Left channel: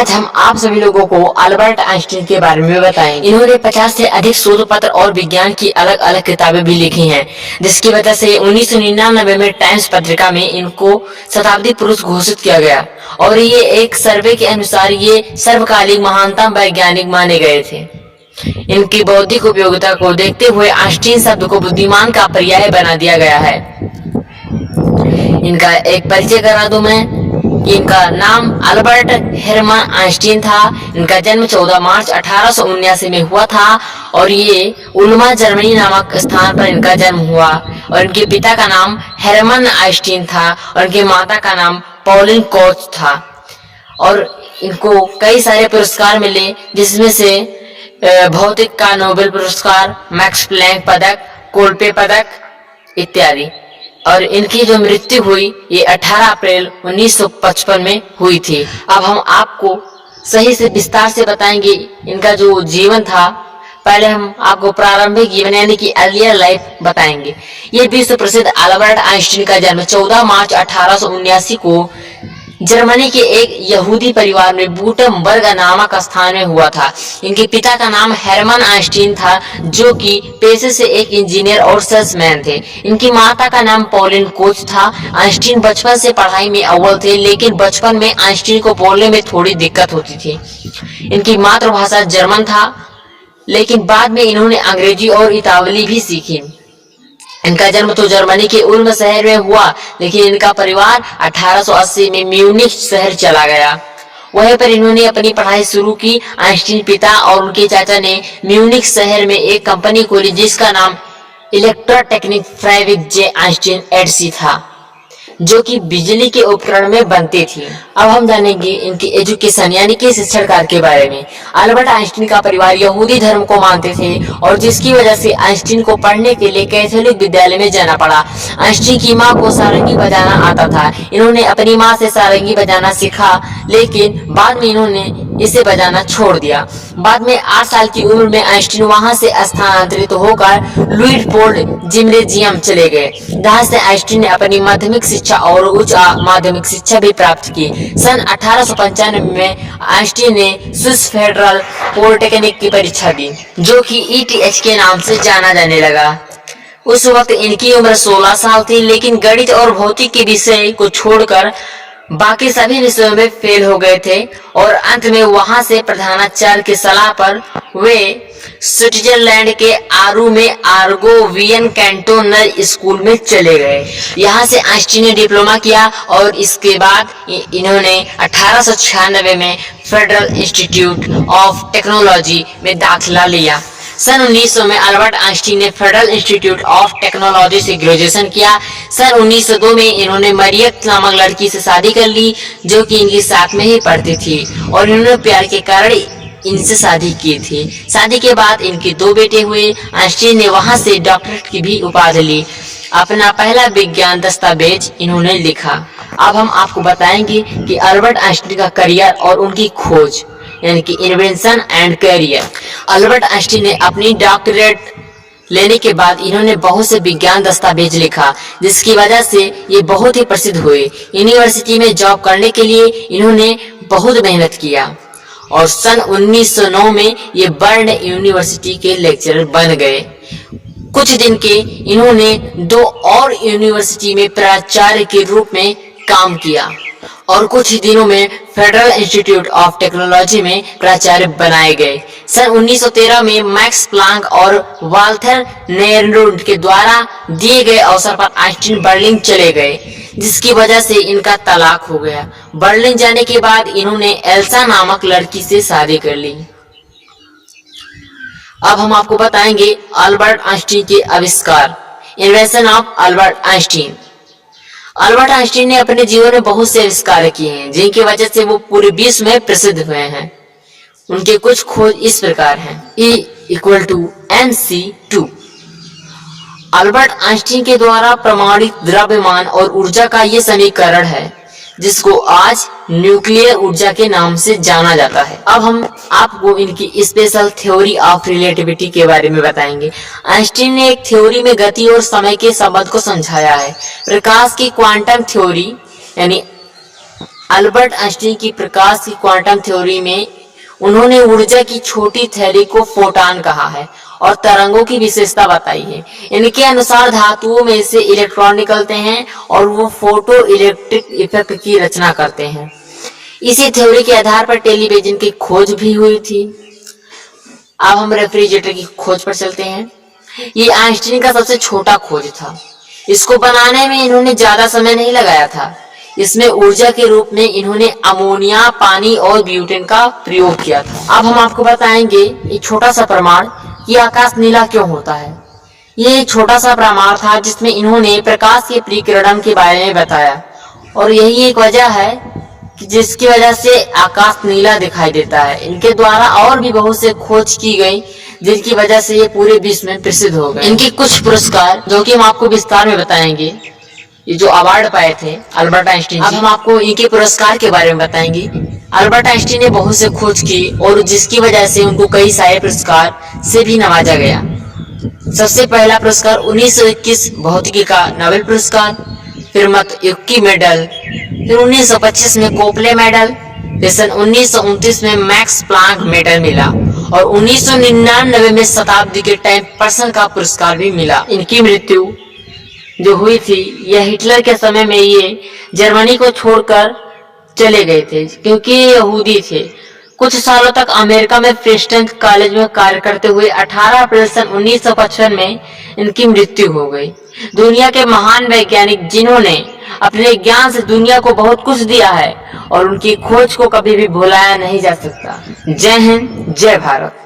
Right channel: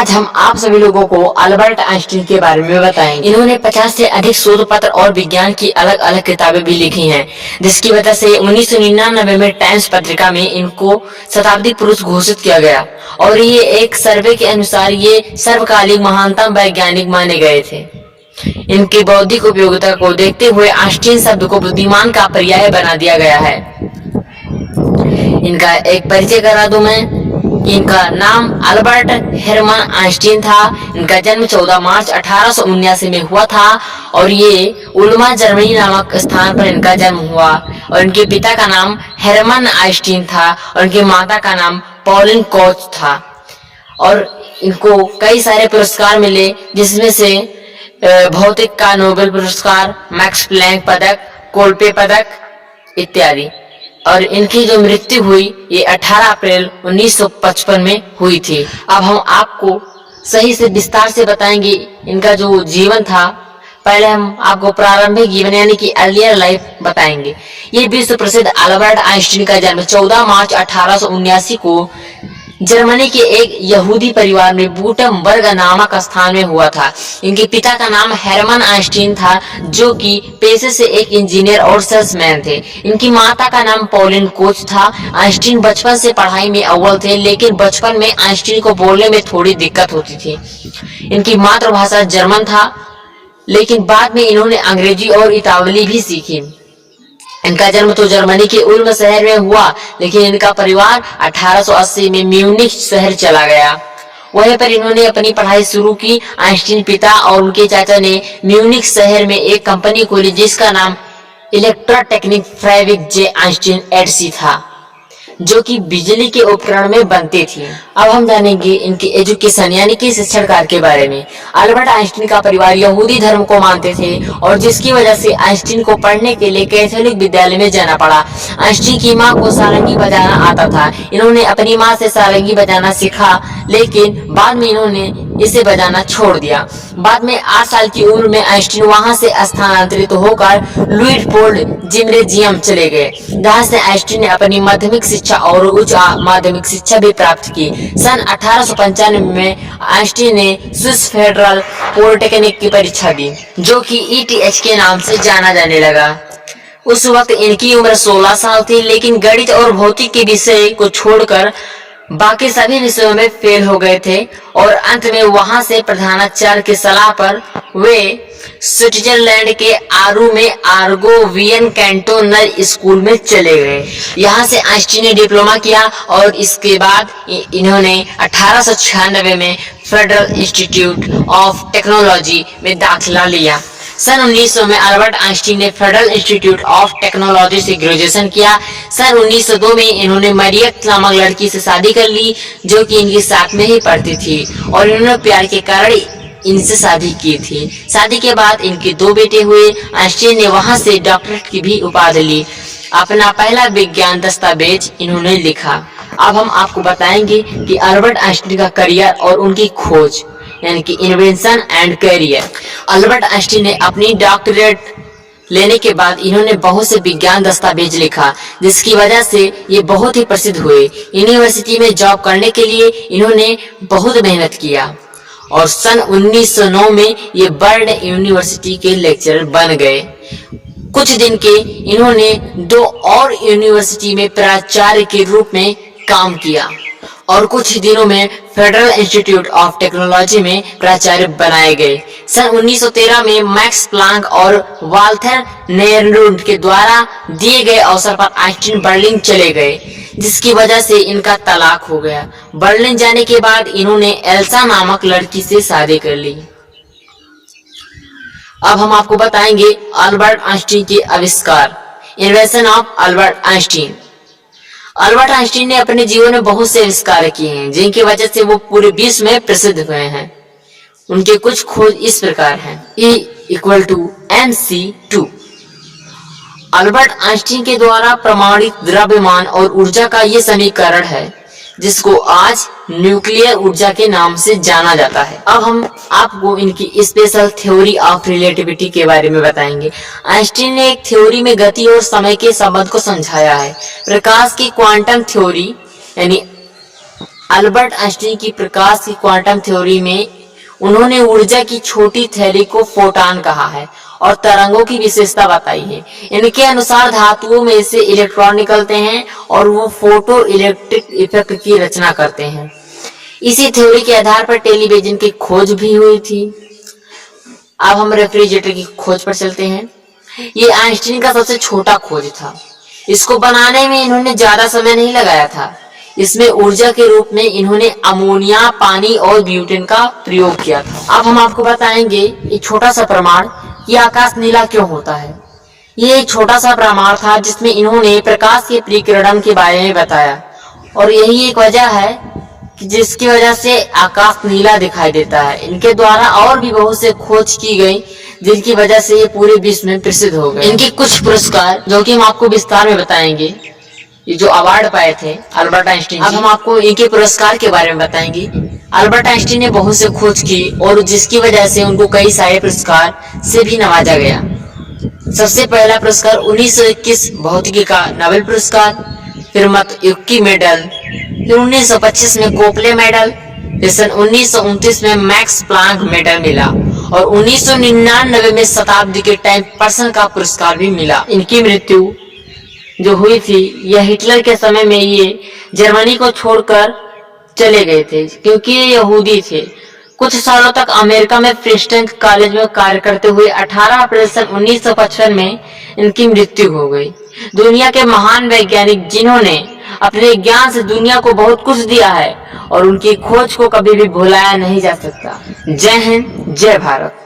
आज हम आप सभी लोगों को अल्बर्ट आइंस्टीन के बारे में बताएंगे। इन्होंने 50 से अधिक शोध पत्र और विज्ञान की अलग अलग किताबें भी लिखी हैं, जिसकी वजह से 1999 में टाइम्स पत्रिका में इनको शताब्दी पुरुष घोषित किया गया और ये एक सर्वे के अनुसार ये सर्वकालिक महानतम वैज्ञानिक माने गए थे। इनकी बौद्धिक उपयोगिता को देखते हुए आइंस्टीन शब्द को बुद्धिमान का पर्याय बना दिया गया है। इनका एक परिचय करा दूं मैं कि इनका नाम अल्बर्ट हेरमन आइंस्टीन था। इनका जन्म 14 मार्च 1879 में हुआ था और ये उल्मा जर्मनी नामक स्थान पर इनका जन्म हुआ और इनके पिता का नाम हेरमन आइंस्टीन था और इनकी माता का नाम पॉलिन कोच था और इनको कई सारे पुरस्कार मिले, जिसमें से भौतिक का नोबेल पुरस्कार, मैक्स प्लैंक पदक, कोल्पे पदक इत्यादि। और इनकी जो मृत्यु हुई ये 18 अप्रैल 1955 में हुई थी। अब हम आपको सही से विस्तार से बताएंगे इनका जो जीवन था। पहले हम आपको प्रारंभिक जीवन यानी कि अर्लियर लाइफ बताएंगे। ये विश्व प्रसिद्ध अल्बर्ट आइंस्टीन का जन्म 14 मार्च 1879 को जर्मनी के एक यहूदी परिवार में बूटमबर्ग नामक स्थान में हुआ था। इनके पिता का नाम हेरमन आइंस्टीन था, जो कि पेशे से एक इंजीनियर और सेल्समैन थे। इनकी माता का नाम पॉलिन कोच था। आइंस्टीन बचपन से पढ़ाई में अव्वल थे, लेकिन बचपन में आइंस्टीन को बोलने में थोड़ी दिक्कत होती थी। इनकी मातृभाषा जर्मन था, लेकिन बाद में इन्होंने अंग्रेजी और इतालवी भी सीखी। इनका जन्म तो जर्मनी के उल्म शहर में हुआ, लेकिन इनका परिवार 1880 में म्यूनिख शहर चला गया। वहीं पर इन्होंने अपनी पढ़ाई शुरू की। आइंस्टीन पिता और उनके चाचा ने म्यूनिख शहर में एक कंपनी खोली, जिसका नाम इलेक्ट्रोटेक्निक फ्राइविक जे आइंस्टीन एडसी था, जो कि बिजली के उपकरण में बनती थी। अब हम जानेंगे इनकी एजुकेशन यानी कि शिक्षण कार्य के बारे में। अल्बर्ट आइंस्टीन का परिवार यहूदी धर्म को मानते थे और जिसकी वजह से आइंस्टीन को पढ़ने के लिए कैथोलिक विद्यालय में जाना पड़ा। आइंस्टीन की मां को सारंगी बजाना आता था। इन्होंने अपनी मां से सारंगी बजाना सीखा, लेकिन बाद में इन्होंने इसे बजाना छोड़ दिया। बाद में 8 साल की उम्र में आइंस्टीन वहां से स्थानांतरित होकर लुइसफोर्ड जिम्नेजियम चले गए, जहां से आइंस्टीन ने अपनी माध्यमिक शिक्षा और उच्च माध्यमिक शिक्षा भी प्राप्त की। सन 1895 में आइंस्टीन ने स्विस फेडरल पॉलिटेक्निक की परीक्षा दी, जो कि ETH के नाम से जाना जाने लगा। उस वक्त इनकी उम्र 16 साल थी, लेकिन गणित और भौतिक के विषय को छोड़कर बाकी सभी विषयों में फेल हो गए थे और अंत में वहां से प्रधानाचार्य की सलाह पर वे स्विट्जरलैंड के आरू में आर्गोवियन कैंटोनर स्कूल में चले गए। यहाँ से आइंस्टीन ने डिप्लोमा किया और इसके बाद इन्होंने 1896 में फेडरल इंस्टीट्यूट ऑफ टेक्नोलॉजी में दाखिला लिया। सन 1900 में अल्बर्ट आइंस्टीन ने फेडरल इंस्टीट्यूट ऑफ टेक्नोलॉजी से ग्रेजुएशन किया। सन 1902 में इन्होंने मरियत नामक लड़की से शादी कर ली, जो कि इनके साथ में ही पढ़ती थी और इन्होंने प्यार के कारण इनसे शादी की थी। शादी के बाद इनके 2 बेटे हुए। आइंस्टीन ने वहां से डॉक्टरेट की भी उपाधि ली। अपना पहला विज्ञान दस्तावेज इन्होंने लिखा। अब हम आपको बताएंगे कि अल्बर्ट आइंस्टीन का करियर और उनकी खोज यानी कि invention and career. Albert Einstein ने अपनी डॉक्टरेट लेने के बाद इन्होंने बहुत से विज्ञान दस्तावेज लिखा, जिसकी वजह से ये बहुत ही प्रसिद्ध हुए। यूनिवर्सिटी में जॉब करने के लिए इन्होंने बहुत मेहनत किया और सन 1909 में ये बर्न यूनिवर्सिटी के लेक्चरर बन गए। कुछ दिन के इन्होंने 2 और यूनिवर्सिटी में प्राचार्य के रूप में काम किया और कुछ दिनों में फेडरल इंस्टीट्यूट ऑफ टेक्नोलॉजी में प्राचार्य बनाए गए। सन 1913 में मैक्स प्लांक और वाल्थर नेरुड के द्वारा दिए गए अवसर पर आइंस्टीन बर्लिन चले गए, जिसकी वजह से इनका तलाक हो गया। बर्लिन जाने के बाद इन्होंने एल्सा नामक लड़की से शादी कर ली। अब हम आपको बताएंगे अल्बर्ट आइंस्टीन के आविष्कार। Invention of Albert Einstein. Albert Einstein ने अपने जीवन में बहुत से आविष्कार किए हैं, जिनकी वजह से वो पूरे विश्व में प्रसिद्ध हुए हैं। उनके कुछ खोज इस प्रकार हैं। E=mc2। अल्बर्ट आइंस्टीन के द्वारा प्रमाणित द्रव्यमान और ऊर्जा का ये समीकरण है, जिसको आज न्यूक्लियर ऊर्जा के नाम से जाना जाता है। अब हम आपको इनकी स्पेशल थ्योरी ऑफ रिलेटिविटी के बारे में बताएंगे। आइंस्टीन ने एक थ्योरी में गति और समय के संबंध को समझाया है। प्रकाश की क्वांटम थ्योरी यानी अल्बर्ट आइंस्टीन की प्रकाश की क्वांटम थ्योरी में उन्होंने ऊर्जा की छोटी थैली को फोटॉन कहा है और तरंगों की विशेषता बताई है। इनके अनुसार धातुओं में से इलेक्ट्रॉन निकलते हैं और वो फोटो इलेक्ट्रिक इफेक्ट की रचना करते हैं। इसी थ्योरी के आधार पर टेलीविजन की खोज भी हुई थी। अब हम रेफ्रिजरेटर की खोज पर चलते हैं। ये आइंस्टीन का सबसे छोटा खोज था। इसको बनाने में इन्होंने ज्यादा समय नहीं लगाया था। इसमें ऊर्जा के रूप में इन्होंने अमोनिया, पानी और ब्यूटेन का प्रयोग किया था। अब हम आपको बताएंगे एक छोटा सा प्रमाण कि आकाश नीला क्यों होता है। ये एक छोटा सा प्रमाण था जिसमें इन्होंने प्रकाश के परिक्रणन के बारे में बताया और यही एक वजह है कि जिसकी वजह से आकाश नीला दिखाई देता है। इनके द्वारा और भी बहुत से खोज की गई जिनकी वजह से ये पूरे विश्व में प्रसिद्ध हो गए। इनके कुछ पुरस्कार जो कि हम आपको विस्तार में बताएंगे, ये जो अवार्ड पाए थे अल्बर्ट आइंस्टीन। अब हम आपको इनके पुरस्कार के बारे में बताएंगे। अल्बर्ट आइंस्टीन ने बहुत से खोज की और जिसकी वजह से उनको कई सारे पुरस्कार से भी नवाजा गया। सबसे पहला पुरस्कार 1921 भौतिकी का नोबेल पुरस्कार, फिर मतयुक्की मेडल, फिर 1925 में कोपले मेडल, फिर सन 1929 में मैक्स प्लांक मेडल मिला और 1999 में शताब्दी के टाइम पर्सन का पुरस्कार भी मिला। इनकी मृत्यु जो हुई थी यह हिटलर के समय में ये जर्मनी को छोड़कर चले गए थे क्योंकि ये यहूदी थे। कुछ सालों तक अमेरिका में प्रिंसटन कॉलेज में कार्य करते हुए 18 अप्रैल सन 1955 में इनकी मृत्यु हो गई। दुनिया के महान वैज्ञानिक जिन्होंने अपने ज्ञान से दुनिया को बहुत कुछ दिया है और उनकी खोज को कभी भी भुलाया नहीं जा सकता। जय हिंद, जय भारत।